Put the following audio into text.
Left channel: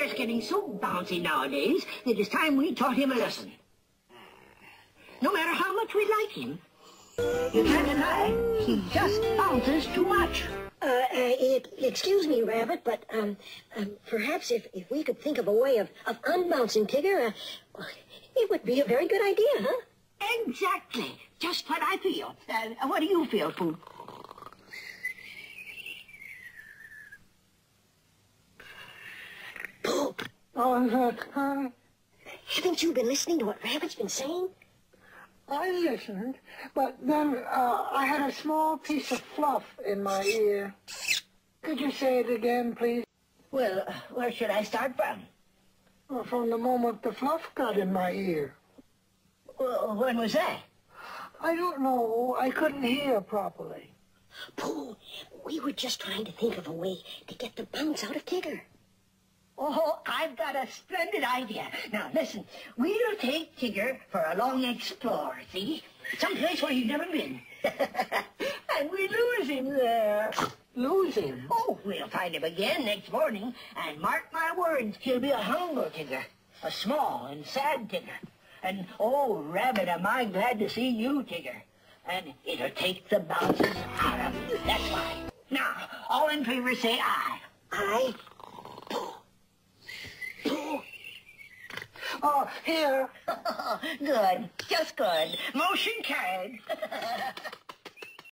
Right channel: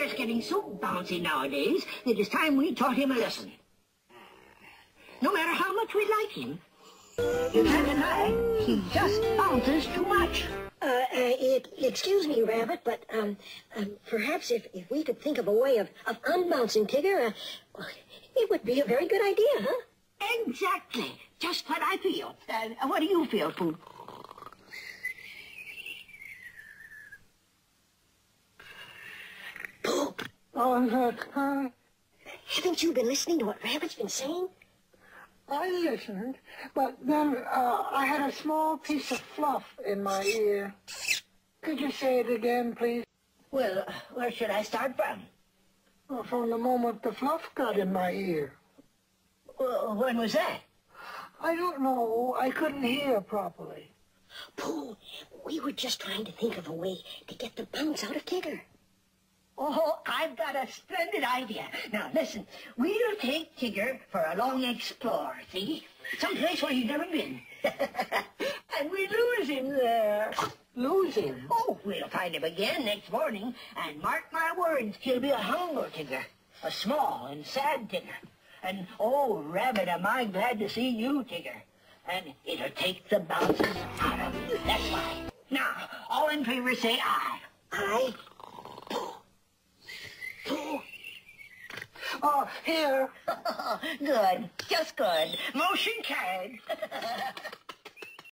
Tigger's getting so bouncy nowadays, it is time we taught him a lesson. No matter how much we like him, you can't deny he just bounces too much. Excuse me, Rabbit, but, perhaps if we could think of a way of unbouncing Tigger, it would be a very good idea, huh? Exactly. Just what I feel. What do you feel, Pooh? Pooh, haven't you been listening to what Rabbit's been saying? I listened, but then I had a small piece of fluff in my ear. Could you say it again, please? Well, where should I start from? Well, from the moment the fluff got in my ear. When was that? I don't know. I couldn't hear properly. Pooh, we were just trying to think of a way to get the bounce out of Tigger. Oh, I've got a splendid idea. Now, listen, we'll take Tigger for a long explore, see? Someplace where he's never been. And we'll lose him there. Lose him? Oh, we'll find him again next morning, and mark my words, he'll be a humble Tigger, a small and sad Tigger. And, oh, Rabbit, am I glad to see you, Tigger. And it'll take the bounces out of you, that's why. Now, all in favor say aye. Aye? Oh, here. Good, just good. Motion carried.